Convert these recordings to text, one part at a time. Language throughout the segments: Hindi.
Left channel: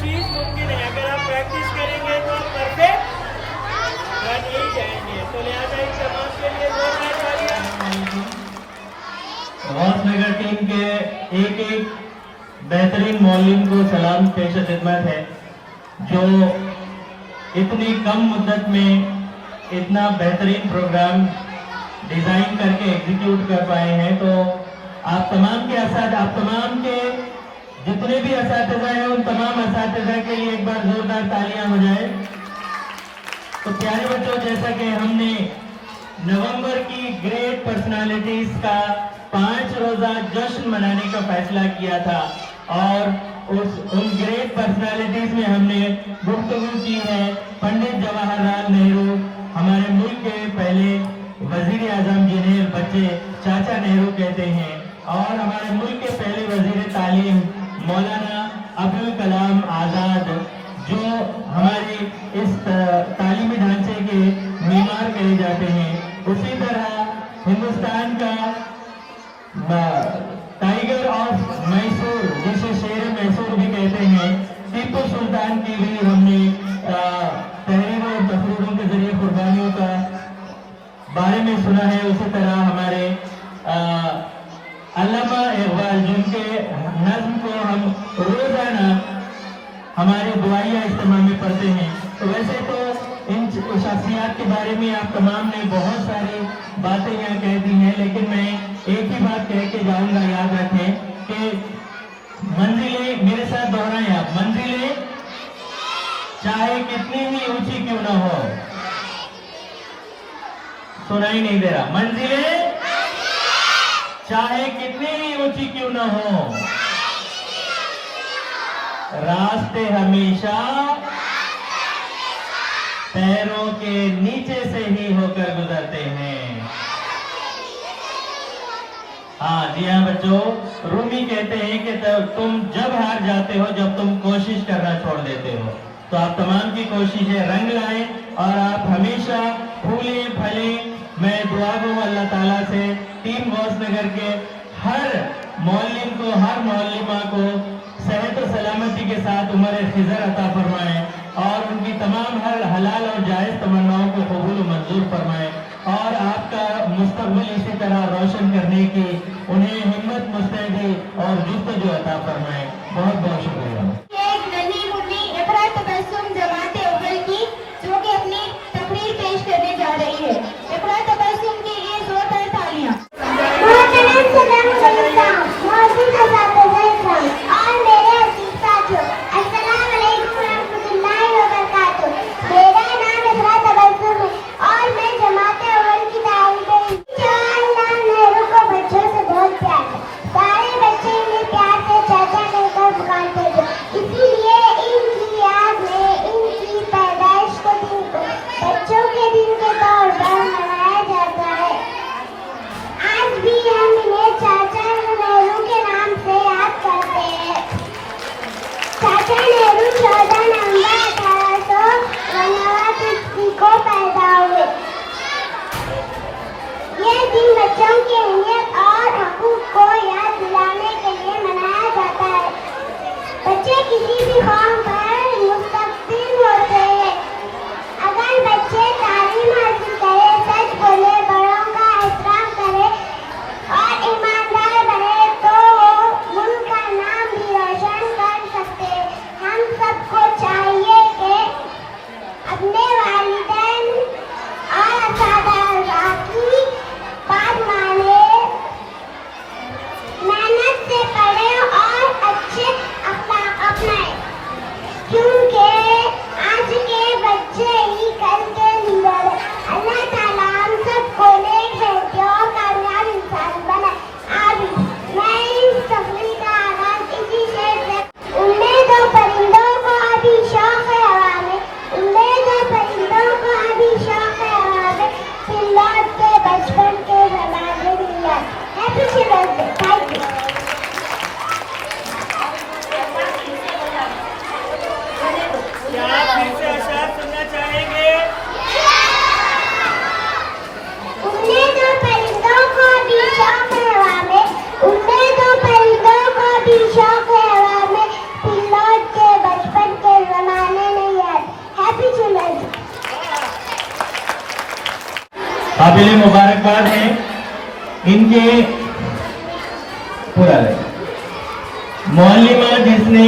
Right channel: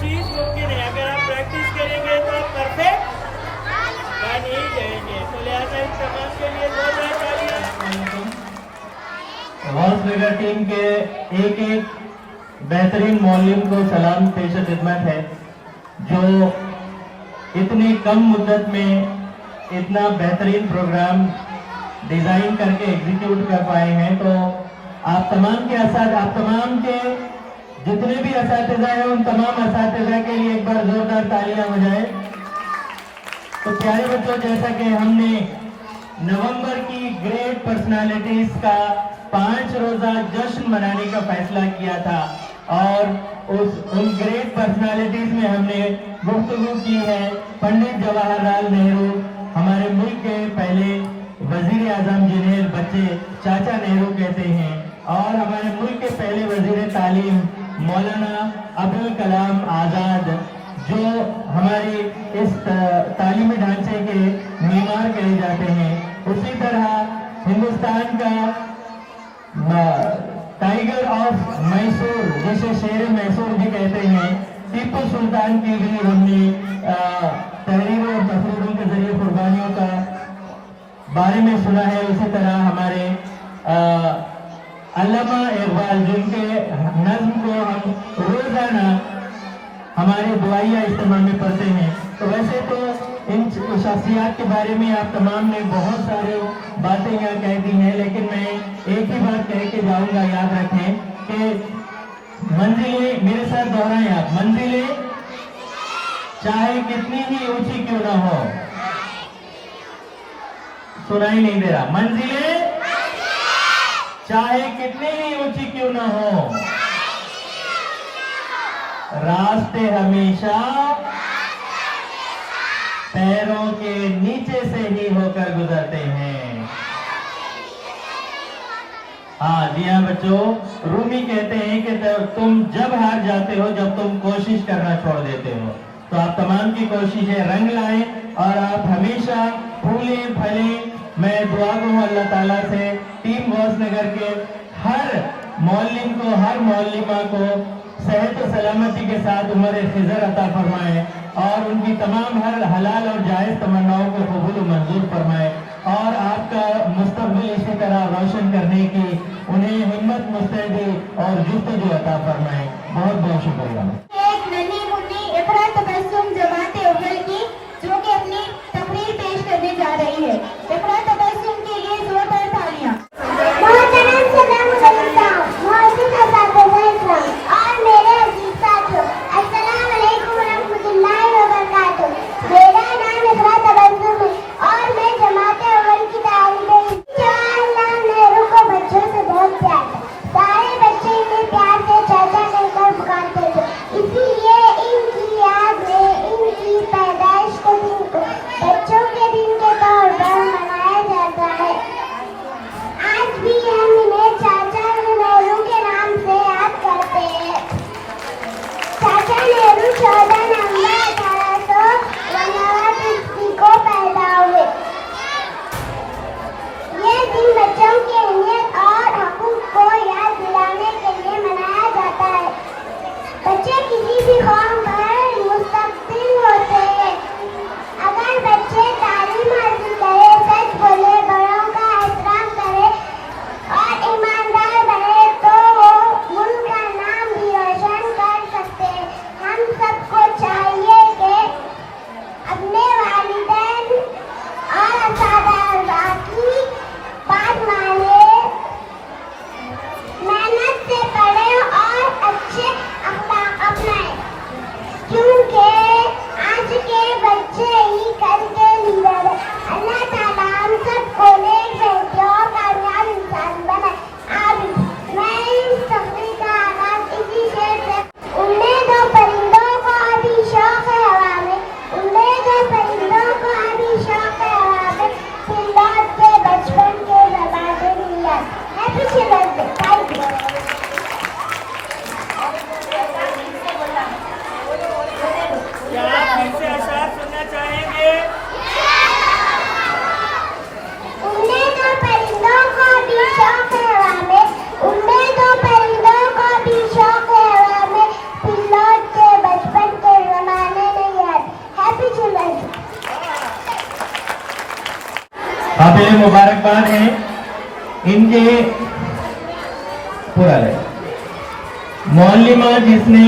चीज़ मुमकिन है। अगर आप प्रैक्टिस करेंगे तो आप परफेक्ट बन ही जाएंगे। तो लिहाजा इन तमाम के लिए जोरदार तालियां। गौसनगर टीम के एक एक बेहतरीन मौलिम को सलाम पेश खिदमत है, जो इतनी कम मुद्दत में इतना बेहतरीन प्रोग्राम डिजाइन करके एग्जीक्यूट कर पाए हैं। तो आप तमाम के जितने भी असातिज़ा हैं उन तमाम असातिज़ा के लिए एक बार जोरदार तालियां बजाएं। तो प्यारे बच्चों, जैसा कि हमने नवंबर की ग्रेट पर्सनालिटीज का 5 रोजा जश्न मनाने का फैसला किया था और उन ग्रेट पर्सनालिटीज में हमने गुफ्तगू की है पंडित जवाहरलाल नेहरू, हमारे मुल्क के पहले वजीर आजम जिन्हें बच्चे चाचा नेहरू कहते हैं, और हमारे मुल्क के पहले वजीर तालीम मौलाना अबुल कलाम आजाद, जो हमारी इस तालीमी ढांचे के मीमार कहे जाते हैं। उसी तरह हिंदुस्तान का टाइगर ऑफ मैसूर, जिसे शेर मैसूर भी कहते हैं, टीपू सुल्तान की भी हमने तहरीर और तस्वीरों के जरिए कुर्बानियों का बारे में सुना है। उसी तरह हमारे अल्लामा इकबाल, जिनके नज़्म को हम रोजाना हमारे दुआइया इज्तिमा में पढ़ते हैं। तो वैसे तो इन शख्सियत के बारे में आप तमाम ने बहुत सारी बातें यहाँ कह दी हैं, लेकिन मैं एक ही बात कह के जाऊंगा, याद रखें कि मंजिलें, मेरे साथ दोहराएं आप, मंजिलें चाहे कितनी भी ऊंची क्यों ना हो, सुनाई नहीं दे रहा, मंजिलें चाहे कितनी भी ऊंची क्यों ना हो, रास्ते हमेशा पैरों के नीचे से ही होकर गुजरते हैं। हाँ जी हाँ बच्चों, रूमी कहते हैं कि तुम जब हार जाते हो जब तुम कोशिश करना छोड़ देते हो। तो आप तमाम की कोशिशें रंग लाएं और आप हमेशा फूले फले। मैं दुआ दूं अल्लाह ताला से टीम गौसनगर के हर मौलिम को, हर मौलिमा को सेहत और सलामती के साथ उम्र खिज़र अता फरमाए और उनकी तमाम हर हलाल और जायज़ तमन्नाओं को कबूल मंजूर फरमाए और आपका मुस्तकबिल इसी तरह रोशन करने की उन्हें हिम्मत, मुस्तैदी और जुस्तजू अता फरमाए। बहुत बहुत शुक्रिया। एक नन्ही मुन्नी इकरा तबस्सुम जमाते उफल की, जो कि अपनी तकरीर पेश करने जा रही है। इकरा तबस्सुम के लिए जोरदार तालियां। बचपन दिली मुबारकबाद है इनके पुराने मौलिमा जिसने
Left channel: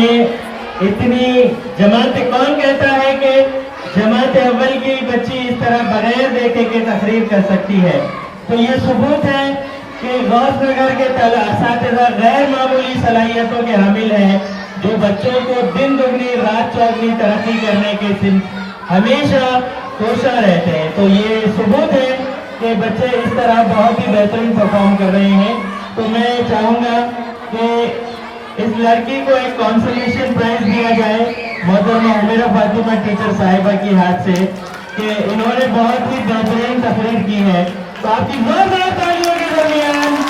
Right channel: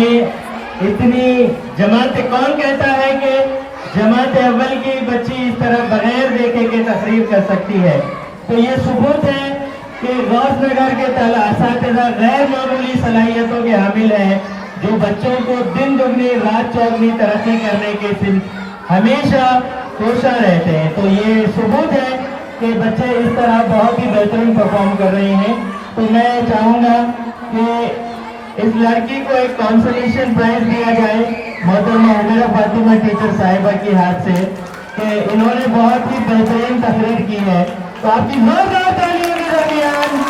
इतनी जमात, कौन कहता है कि जमात अव्वल की बच्ची इस तरह बगैर देखे के तकरीर कर सकती है। तो ये सबूत है कि गौसनगर के असातिज़ा गैर मामूली सलाहियतों के हामिल हैं, जो बच्चों को दिन दुगनी रात चौगनी तरक्की करने के हमेशा कोशा रहते हैं। तो ये सबूत है कि बच्चे इस तरह बहुत ही बेहतरीन परफॉर्म कर रहे हैं। तो मैं चाहूँगा कि इस लड़की को एक कॉन्सोलेशन प्राइज दिया जाए मोहतरमा उमेरा फातिमा टीचर साहिबा के हाथ से, कि इन्होंने बहुत ही बेहतरीन तकरीर की है। तो आपकी जोरदार तालियों के दरमियान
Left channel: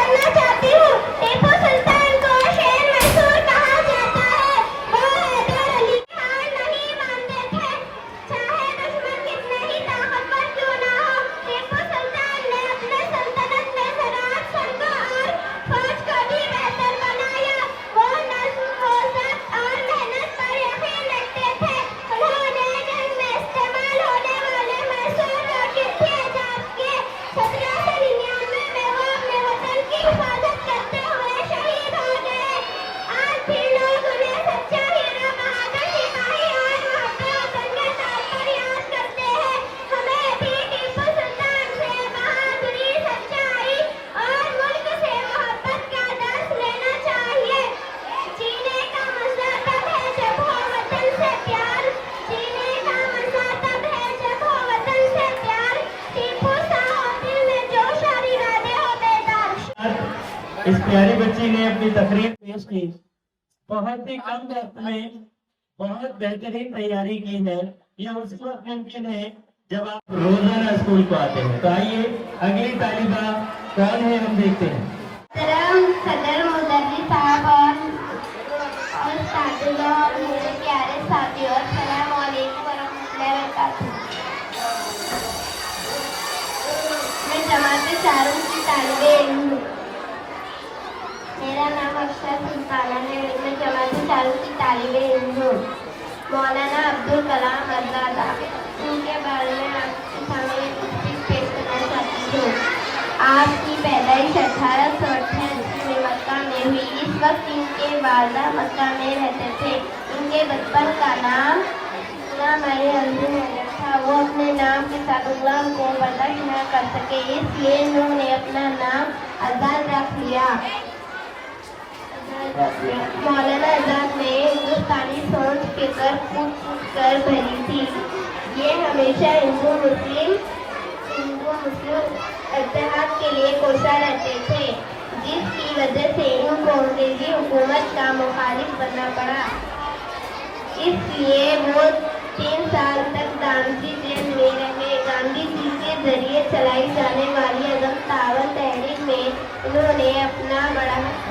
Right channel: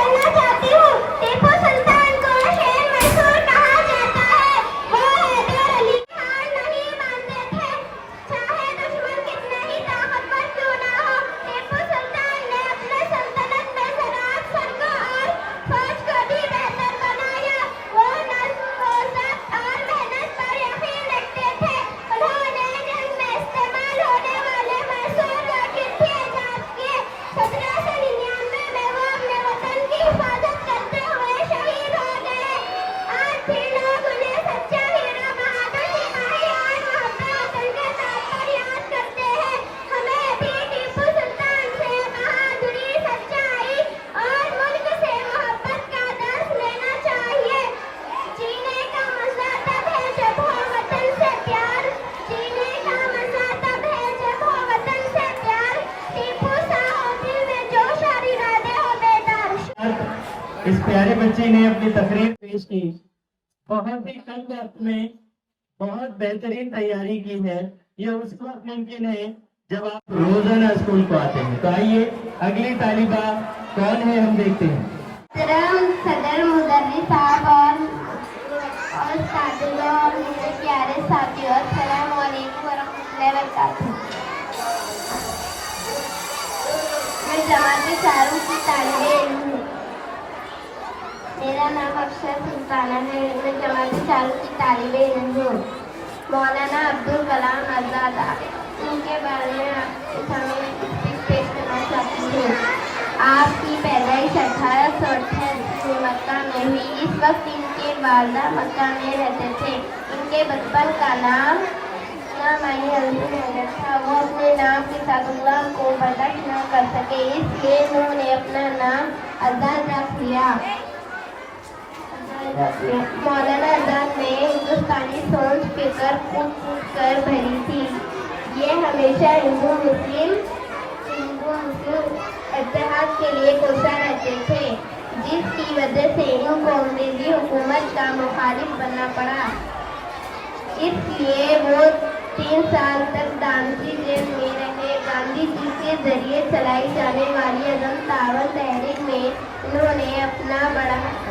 करना चाहती इस प्यारी बच्ची ने अपनी तकरीर पेश की। बहुत ही कम वक्त में बहुत बेहतरीन तैयारी की है। यह उस वक्त मुमकिन है जब आप रोजाना स्कूल को आते हैं। तो आइए अगली तालिबा कौन है हम देखते हैं। सदर मुदर्रिस साहब और साथियों और मेरे प्यारे साथियों, अस्सलाम वालेकुम वरहमतुल्लाहि वबरकातुहू। मैं जमात में चारों की तालिबे इल्म हूँ। मेरा नाम अक्षर सुल्ताना है। मैं जमात में चारों की तालिबे इल्म हूँ। मौलाना अब्दुल कलाम आजाद, उनके बारे में आपके सामने स्पीच पेश करना चाहती हूँ। आपकी पैदाइश 1888 में मक्का में हुई। इस वक्त इनके वालिद मक्का में रहते थे। इनके बचपन का नाम था। वो अपने नाम के साथ अल्लाह को बर्दाश्त न कर सके, इसलिए उन्होंने अपना नाम आजाद रख लिया। मौलाना आजाद ने हिंदुस्तानी सोच फिक्र कूट कर भरी थी। ये हमेशा हिंदू मुस्लिम इत्तेहाद के लिए कोसा रहते थे, जिसकी वजह से इनको अंग्रेजी हुकूमत का मुखालिफ बनना पड़ा। इसलिए वो 3 साल तक गांधी जेल में रहे। गांधी जी के जरिए चलाई जाने वाली अदम तावन तहरीक में उन्होंने अपना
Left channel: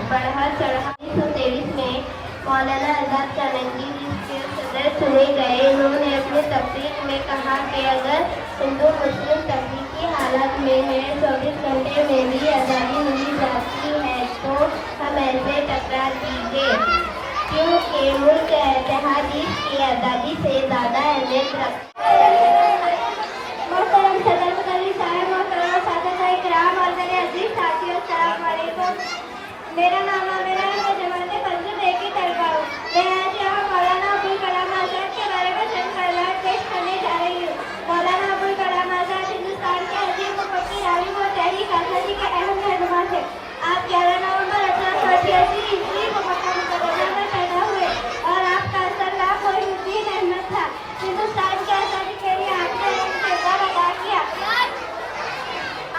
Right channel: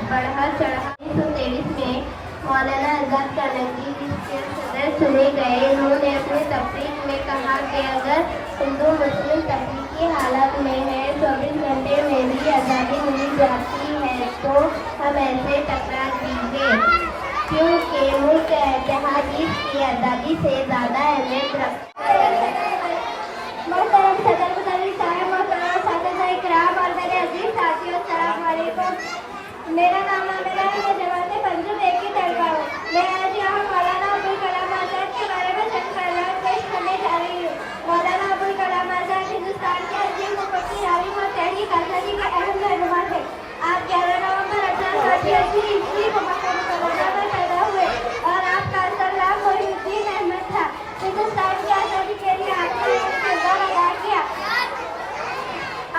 बढ़ा चढ़ा। 1923 में मौलाना आजाद कानंगी जिसके सदर चुने गए। उन्होंने अपने तफरीक में कहा कि अगर हिंदू मुस्लिम तफरीक की हालत में है, 24 घंटे में भी आज़ादी मिल जाती है, तो हम ऐसे टकरा दीजिए, क्योंकि मुल्क इत्तेहाद की आज़ादी से ज़्यादा अहमियत रखता है। मेरा नाम आमिरा है। मैं जमात पंजुम एक ही तलबा हूँ। मैं आज यहाँ मौलाना अब्दुल कलाम आजाद के बारे में चंद कलाम पेश करने जा रही हूँ। मौलाना अब्दुल कलाम आजाद हिंदुस्तान के अजीम को पक्की तालीम और तहरीक आज़ादी के अहम रहनुमा थे। आप 11 नवंबर 1888 ईस्वी को मक्का मुकर्रमा में पैदा हुए और आपका असल नाम मोइनुद्दीन अहमद था। हिंदुस्तान की आज़ादी के लिए आपने एक किरदार अदा किया।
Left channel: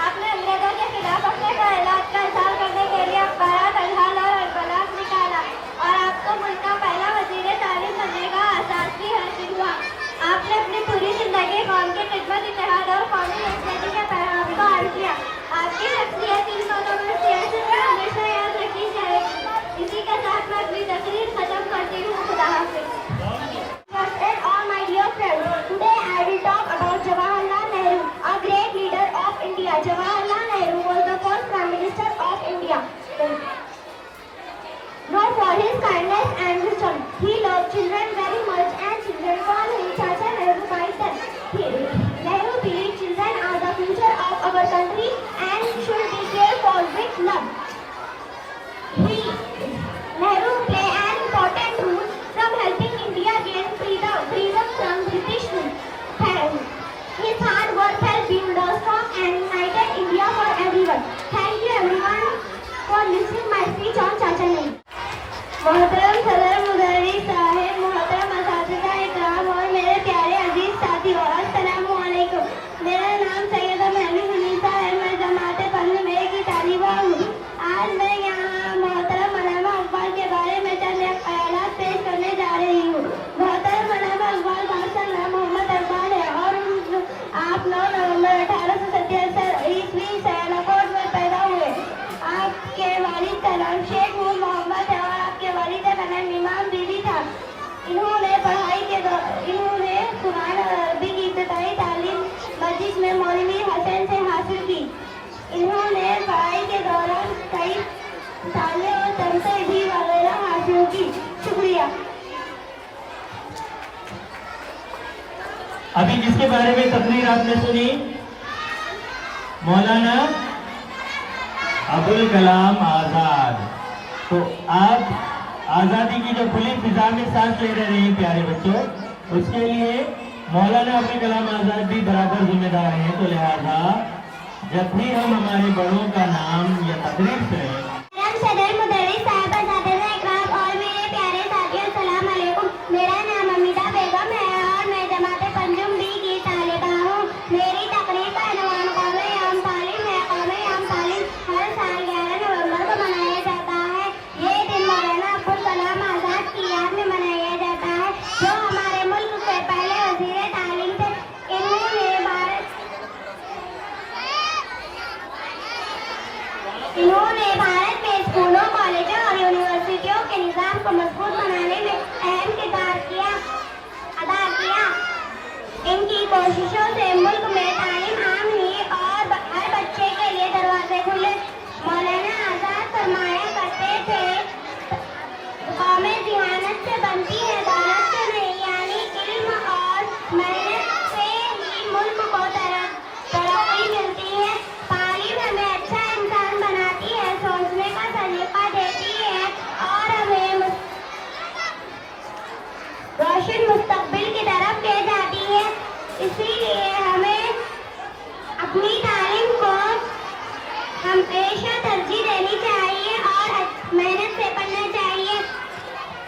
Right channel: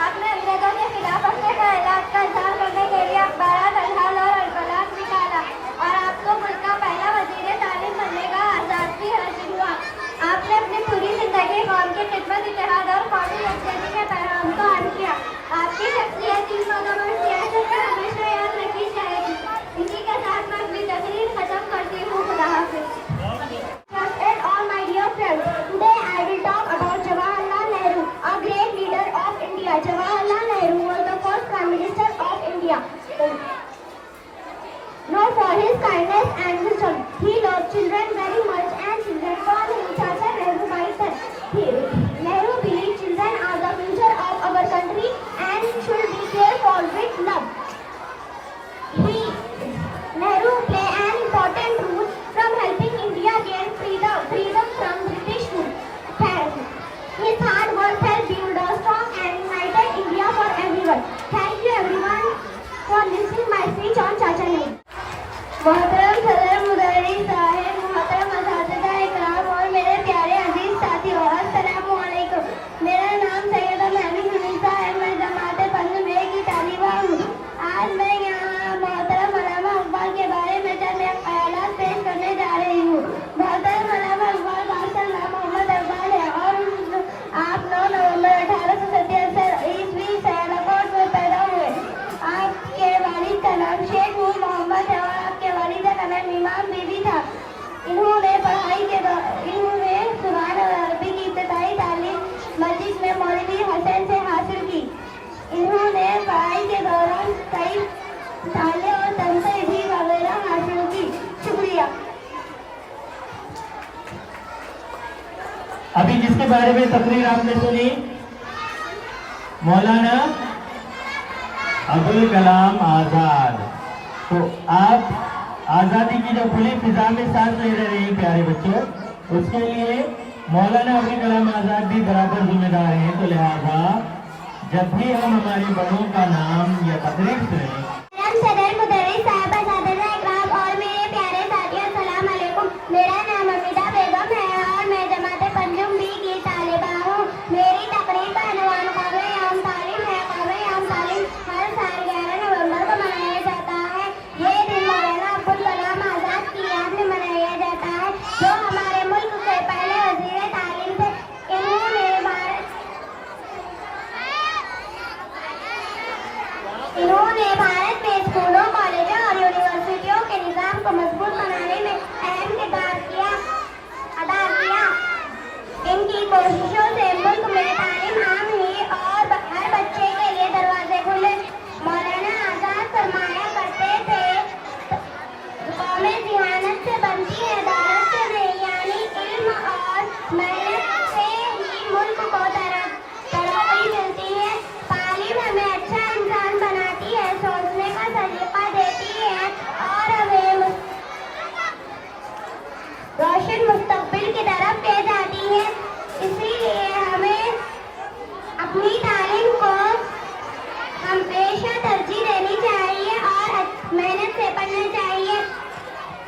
आपने अंग्रेजों के खिलाफ अपने कायनात का इज़हार करने के लिए आपने अपनी पूरी जिंदगी कौम की खिदमत, इत्तेहाद और कौमी यकजहती के पैगाम को हर किया। आपकी शख्सियत इन लोगों में सियासत में हमेशा याद रखी जाएगी। इसी के साथ मैं अपनी तकरीर खत्म करती हूँ। खुदा हाफिज़। All my dear friends, today I will talk about Jawaharlal Nehru, a great leader of India. Jawaharlal Nehru was the first Prime Minister of India. Known for his kindness and wisdom, he loved children very much, and children called him Chacha Nehru by then. Nehru believed children are the future of our country and should be cared for with love. Nehru played an important role from helping India gain freedom from British rule. His hard work helped build a strong and united India for everyone. Thank you everyone for listening my speech on Chacha Nehru. मोहतरम सदर मुदर्रिस साहब, मोहतरम असातिज़ा इकराम और मेरे प्यारे अजीज साथियों, अस्सलामु अलैकुम। मेरा नाम सैयदा महबूबा है। मैं जमात पंजुम एक की तालिबा हूँ। आज मैं यहाँ मोहतरम अल्लामा इकबाल के बारे में चंद ख्यालात पेश करने जा रही हूँ। मोहतरम अल्लामा इकबाल माशाअल्लाह मोहम्मद इकबाल है और आप 9 नवंबर 1877 ईस्वी सियालकोट में पैदा हुए। आपके वालिद का नाम शेख नूर मोहम्मद है और इमाम बीबी था। इन्होंने कुरान और अरबी की इब्तिदाई तालीम मस्जिद में मौलवी हसन से हासिल की। इन्होंने पढ़ाई के दौरान कई ताले और तमसीदी वगैरह हासिल की। शुक्रिया। अभी जिसके बारे में तकरीर आपने सुनी, मौलाना अब्दुल कलाम आजाद। तो आप आज़ादी की जो खुली फिजा में सांस ले रहे हैं प्यारे बच्चों, उसके लिए मौलाना अब्दुल कलाम आजाद भी बराबर जिम्मेदार हैं। तो लिहाजा जब भी हम हमारे बड़ों का नाम या तकरीर सुने, सदर मुदर्रिस साहब, असातिज़ा इकराम और मेरे प्यारे साथियों, अस्सलाम वालेकुम। मेरा नाम अमिता बेगम है और मैं जमात पंजुम बी की तालिबा हूँ। मेरी तकरीर का उन्वान कौमी यौम तालीम है। कौमी यौम तालीम हर साल 11 नवंबर को मनाया इन्होंने भारत में स्कूलों, कॉलेजों और यूनिवर्सिटियों के निजाम को मजबूत बनाने में अहम किरदार अदा किया। इनकी कोशिशों से मुल्क में तालीम आम हुई और हर बच्चे के लिए दरवाजे खुले। मौलाना आजाद फरमाया करते थे, कौमें जिहानत से बनती है, दौलत से नहीं, यानी इल्म और मेहनत से ही मुल्क को तरक्की मिलती है। तालीम हमें अच्छा इंसान बनाती है, सोचने का सलीका देती है और हमें रोशन मुस्तकबिल की तरफ ले जाती है। इसीलिए हमें अपनी तालीम को हमेशा तरजीह देनी चाहिए और मेहनत से पढ़ना चाहिए।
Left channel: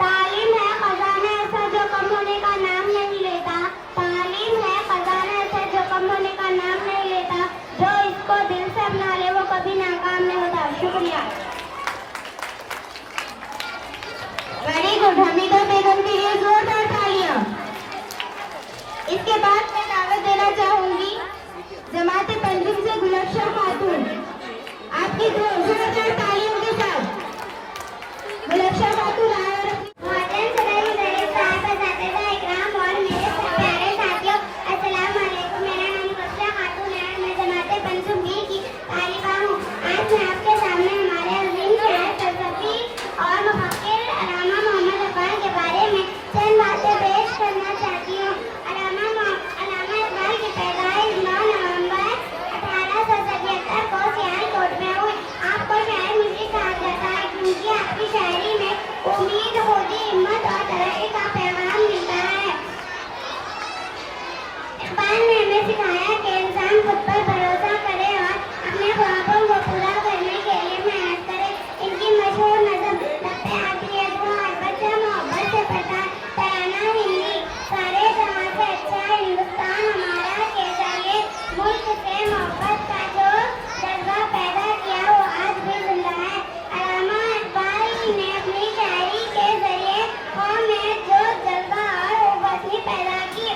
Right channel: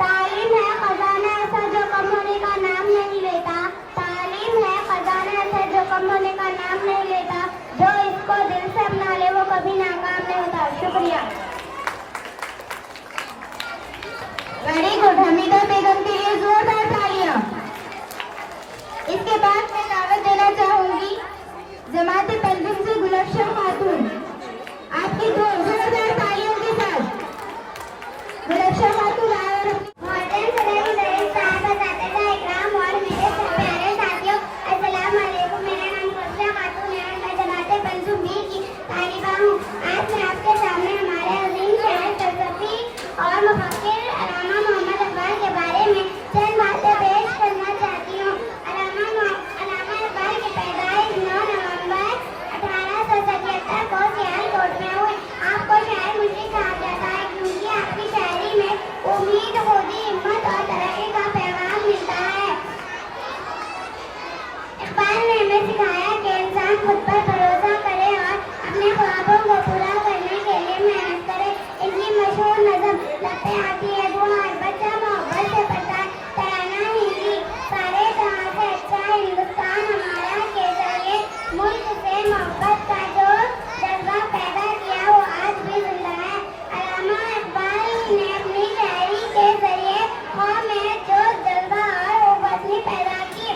तालीम है खजाना ऐसा जो कम होने का नाम नहीं लेता। तालीम है खजाना ऐसा जो कम होने का नाम नहीं लेता। जो इसको दिल से अपना ले वो कभी नाकाम नहीं होता। शुक्रिया। Very good. हमीदा बेगम के लिए जोरदार तालियां। इसके बाद मैं दावत देना चाहूंगी जमात पेंटिंग से गुलशन खातून, आपकी दो जोरदार तालियों के साथ गुलशन खातून आए और मॉडर्न सदर की तरफ साहब बताते हुए इकराम और मेरे प्यारे साथियों, अस्सलाम वालेकुम। मेरा नाम गुलशन खातून है और मैं जमात पेंटिंग बी की तालिबा हूँ। आज मैं आपके सामने हमारे अजीम शायर, फलसफी और मुफक्किर अल्लामा मोहम्मद इकबाल के बारे में चंद बातें पेश करना चाहती हूँ। अल्लामा इकबाल की पैदाइश 9 नवंबर 1877 को सियालकोट में हुई। आपको शायर मुझे कहा जाता है क्योंकि आपकी शायरी में उम्मीद, खुदी, हिम्मत और तरक्की का पैगाम मिलता है। इकबाल ने हमें सिखाया कि इंसान खुद पर भरोसा करे और अपने ख्वाबों को पूरा करने के लिए मेहनत करे। इनकी मशहूर नज़म लगते आती है, जो हर बच्चा मोहब्बत से पढ़ता है। तराना हिंदी सारे जहां से अच्छा है हिंदुस्तान हमारा, के जरिए मुल्क से मोहब्बत का जो जज्बा पैदा किया वो आज भी जिंदा है। अल्लामा इकबाल ने अपनी शायरी के जरिए कौम में जो जज्बा और वतनी पैदा की।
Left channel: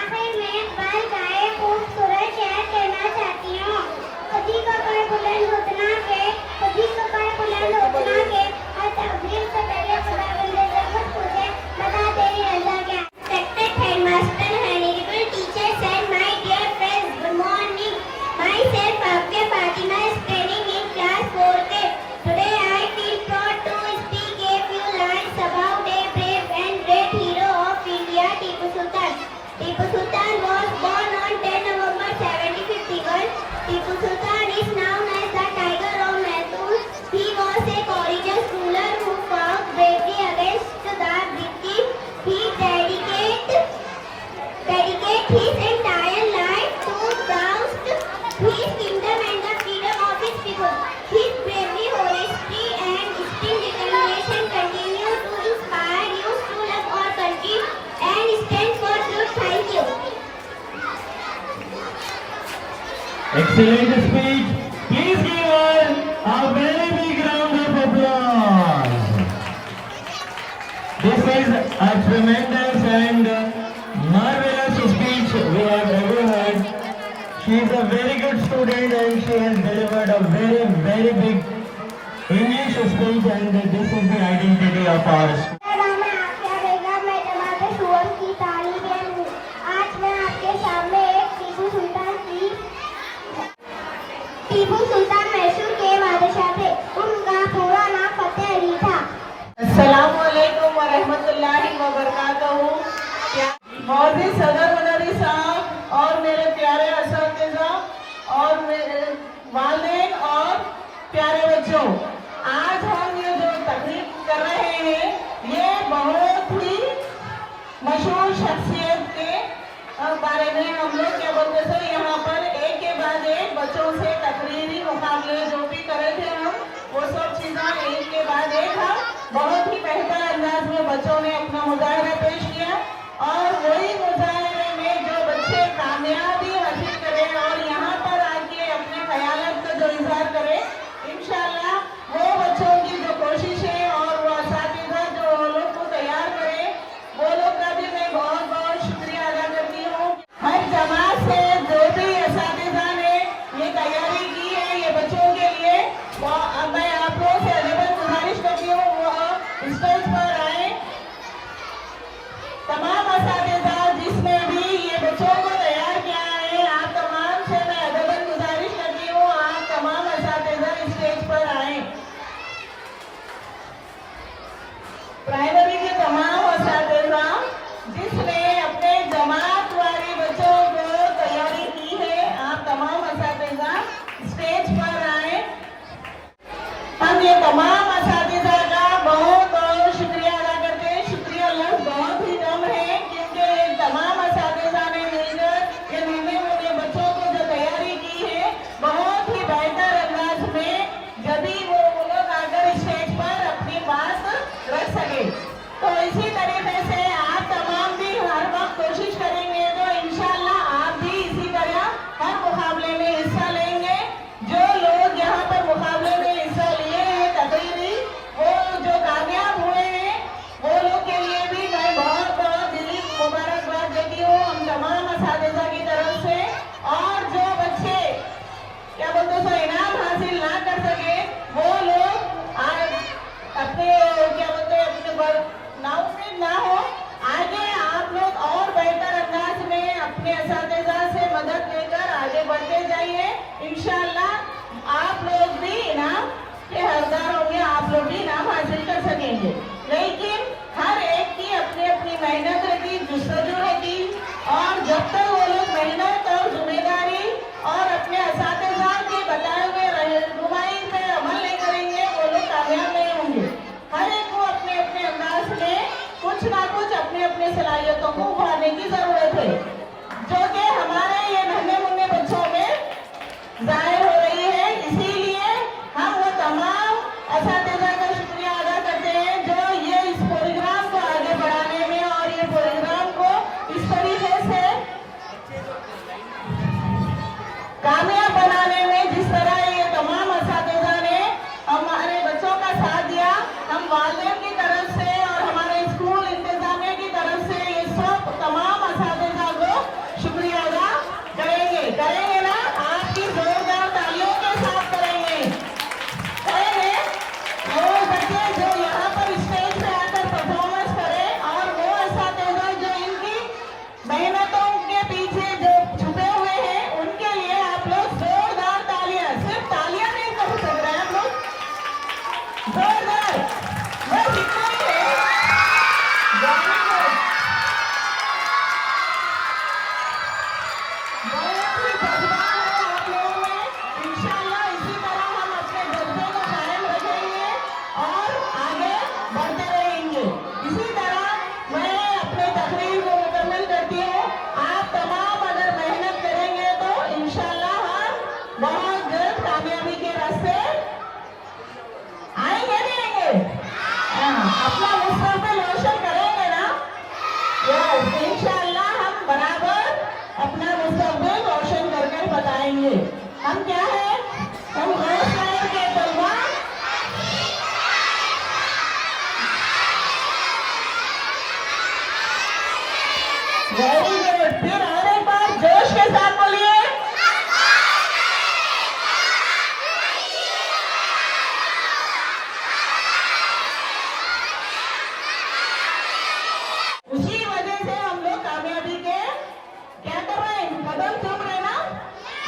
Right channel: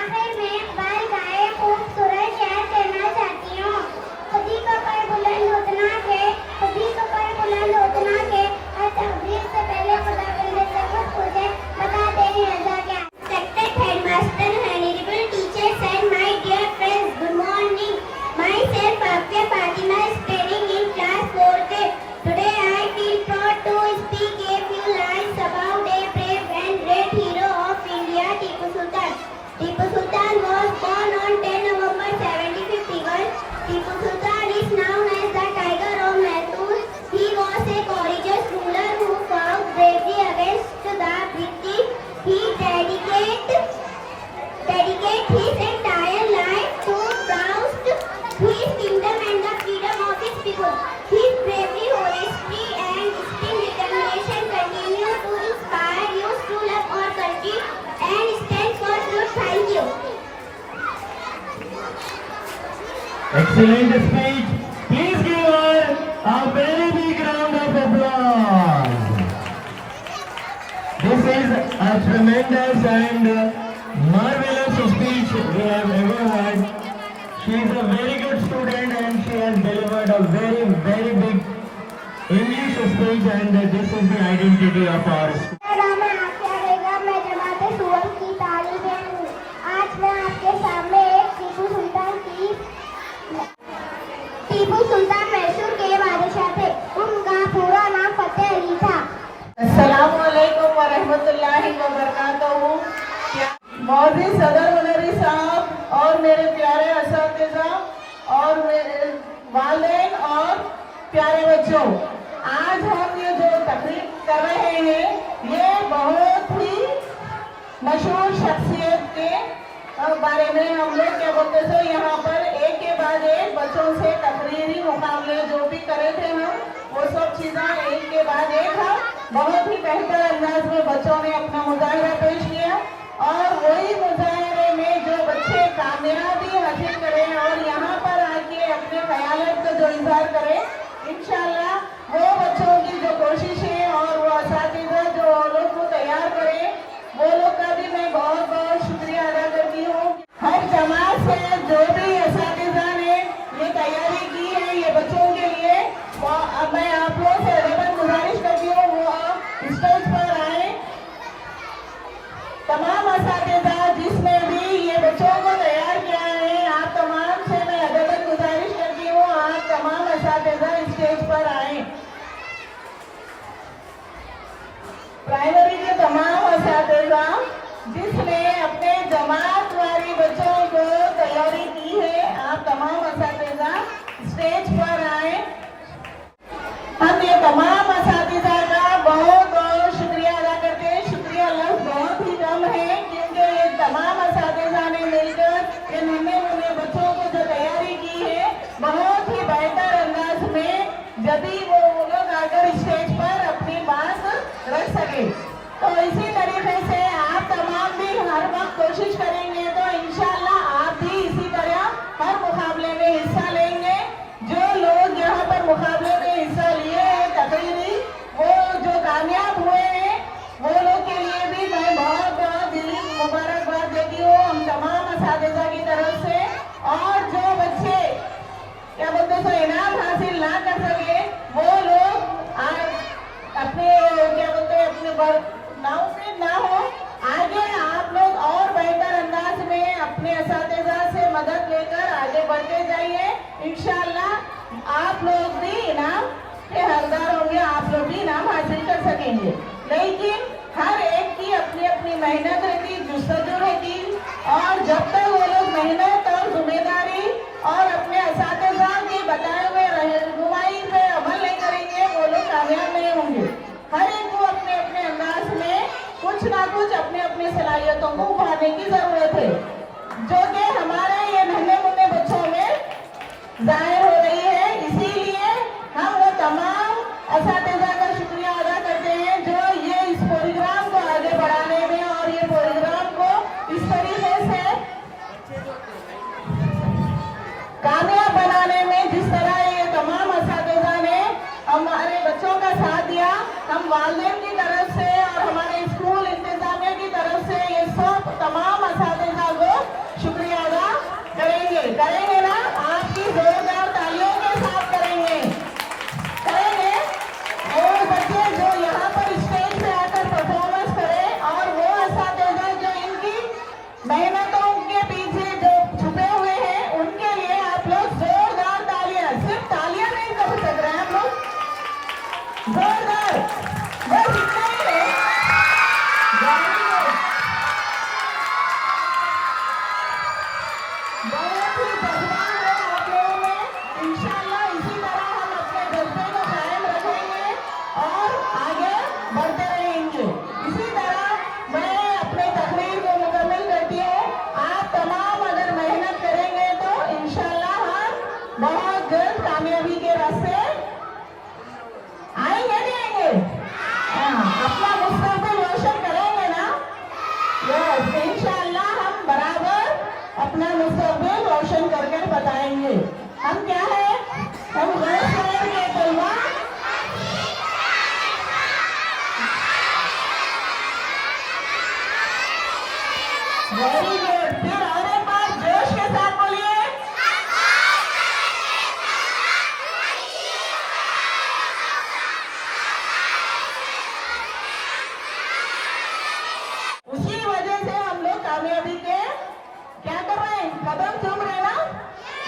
आखिर में इकबाल का एक खूबसूरत शेर कहना चाहती हूँ, खुदी को कर बुलंद उतना के, खुदी को कर बुलंद उतना के, और तकदीर से पहले खुदा खुदे बता तेरी रजा क्या। Respected headmaster, honorable teachers and my dear friends, good morning. Myself Afia Fatima is studying in class 4A. Today I feel proud to speak a few lines about a brave and great hero of India, Tipu Sultan. Tipu Sultan was born on 10 November 1751. Tipu Sultan is known as the Tiger of Mysore. He was a courageous ruler who fought bravely against the British. He dedicated his entire life to oust his kingdom and the freedom of his people. His bravery, honesty and distinct determination continue to inspire youth to love our country and stand for truth. Thank you. Excellent speech. Please give her a very big round of applause. This is a tremendous and marvelous speech we have ever heard. She is a very good student and she has delivered a very big English speech, and this is the identity of our school. मेरा नाम है आसिया बेगम, मैं जमात सूरज की तालिब हूँ। आज मैं आपके सामने एक टीपू सुल्तान मैसूर के बादशाह थे। उनका पूरा नाम फतेह अली था। अस्सलामुअलैकुम वरहमतुल्लाहि वबरकातुहू। मौलवी सदर वनरी साहब और मेरे प्यारे असातिज़ा और मेरे वालिदैन और प्यारे बच्चों, आज हम ये जो तकरीर कर रहे हैं ये बहुत ही मशहूर शख्सियत के बारे में हम लोग क्या बोलते थे, यहाँ पर एक के बाद एक बच्चों से तकरीरी मुकाबले जो भी करे थे हम, वो सब चीज़ें एक के बाद एक बहुत ही बेहतर अंदाज में बच्चों ने अपना मुजाहरा पेश किया। और वही मुजाहरे में जो बच्चे कामयाबी हासिल करें और यहाँ पर आके अपने ख्यालात का जो इजहार करें, इंशाल्लाह वो बच्चों की जो स्टेज पर आए। हम ये तमाम असातिज़ा का बहुत बहुत शुक्रिया अदा करते हैं। शुक्रिया लफ्ज़ बहुत ही कम है, क्योंकि ये तमाम असातिज़ा ने मिलकर इन नन्हे मुन्ने बच्चों को जो तैयारी की है, बहुत ही बेहतर अंदाज में, यदि वो लोग आकर स्टेज पर अपनी बात रख सके। तो इसी तरीके से आप तमाम भी हर वक्त कोशिश करेंगे तो इंशाल्लाह आप भी इसी तरह हर मुकाबले में हिस्सा लेंगे। जो लोग यहाँ पर मुकाबले में हिस्सा लिए हैं तकरीरी, वो जो कामयाब हुए हैं, वो लोग के लिए भी मैं बहुत बहुत दिली मुबारकबाद देती हूँ हम तमाम असातिज़ा की तरफ से। और जो बच्चे क्या बोलते हैं इनाम हासिल ना कर सके, वो लोग आज अपने क्या बोलते हैं अपने नाउफिल ना हो, आगे आप लोग और बेहतर अंदाज में अपने असातिज़ा से मदद लेकर आगे बढ़ते जाइए। इंशाल्लाह आप लोग भी इनाम के हकदार होंगे, आप लोग भी इनाम हासिल कर सकेंगे। लेकिन हर एक की अपनी अपनी मेहनत रहती, जुस्तजू रहती, और जब तक वो लोग मेहनत और जिम्मेदारी और अपने असातिज़ा की बताए हुए रहनुमाई पे अमल नहीं करेंगे, वो लोग कामयाब नहीं होंगे। हर एक को अपने अपने अंदाज में कुछ ना कुछ अपने अपने सलाहियतों को उभारने की जरूरत है, जो कि हमारे ये नन्हे मुन्ने बच्चों में जाहिर हो रही है। इसीलिए हम वो तमाम असातिज़ा का शुक्रिया अदा करते हैं जो ये इस प्रोग्राम को आगे बढ़ाने में और ये प्रोग्राम को इस तरीके से कामयाब बनाने में जिस तरह ये तमाम असातिज़ा ने हमारे बच्चों का साथ दिया, हम वालिदैन की तरफ से और हमारे स्कूल इंतजामिया की तरफ से ये सब तमाम असातिज़ा को शुक्रिया अदा करेंगे ना? आपकी जोरदार तालियों के साथ करेंगे। और बच्चे जो यहाँ पर स्टेज पे आकर परफॉर्मेंस करें, और वो असातिज़ा जो इनकी मेहनतों के पीछे जो छुपे हुए हैं, उनके लिए आप लोग जोरदार तालियां, सिर्फ तालियां नहीं कर सक रहे हम लोग, जोरदार बस इतना ही है। बहुत ही जज्बात है आप लोगों में। इंशाल्लाह इसी तरह हम अपने जज्बे को कायम रखेंगे और आगे बढ़ते रहेंगे। इसी तरह मैं अपने तकरीर को मुकम्मल करती हूँ। आप तमाम अगर मेहनत करेंगे तो इंशाल्लाह हम बहुत जल्द कामयाबी के रास्ते आएंगे नहीं आएंगे? अपना मुस्तकबिल रोशन करेंगे ना? यस, इंशाल्लाह हम बराबर अपना मुस्तकबिल रोशन करके बताएंगे। हम क्या है, हम दोस्त करेंगे तलवा। वेरी गुड, फिर और एक बार जोश के साथ बोलिए। उसी वजह से हम लोग कामयाबी के क्या कर रहे हैं, कदम चूम रहे हैं ना?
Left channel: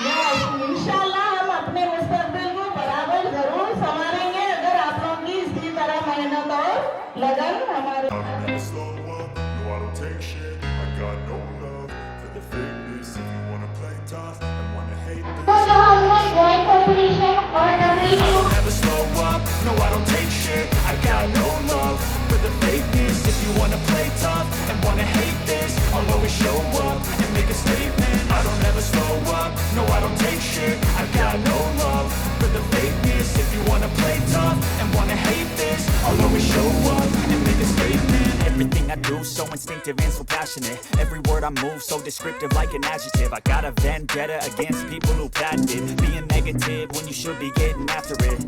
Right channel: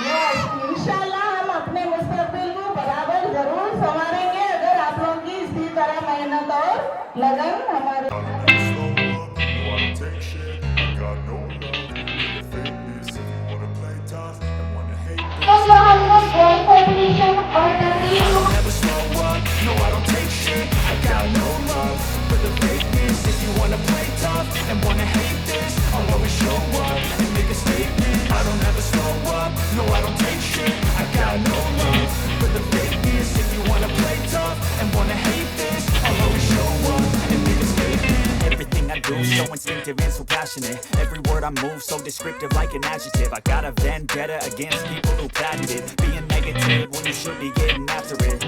यस, इंशाल्लाह हम अपने मुस्तकबिल को बराबर जरूर संभालेंगे अगर आप लोगों की इसी तरह मेहनत और लगन हमारे। I don't ever slow up, no I don't take shit. I got no love for the fakeness. If you wanna play tough and wanna hate तो this, जो हमने ग्रेड कॉम्पिटिशन और तकरीर I don't ever slow up, no I don't take shit. I got no love for the fakeness. If you wanna play tough and wanna hate this, I'll always show up and make a statement. I don't ever slow up, no I don't take shit. I got no love for the fakeness. If you wanna play tough and wanna hate this, I'll always show up and make a statement. Everything I do so instinctive and so passionate. Every word I move so descriptive like an adjective. I got a vendetta against people who patented being negative when you should be getting after it.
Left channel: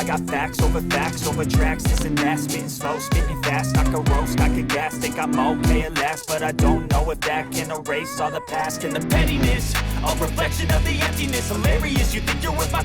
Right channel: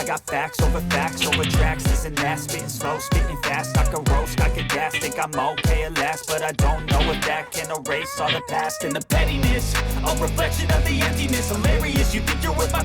I got facts over tracks, this and that, spitting slow, spitting fast. I could roast, I could gas, think I'm okay at last, but I don't know if that can erase all the past and the pettiness. A reflection of the emptiness, hilarious. You think you're with my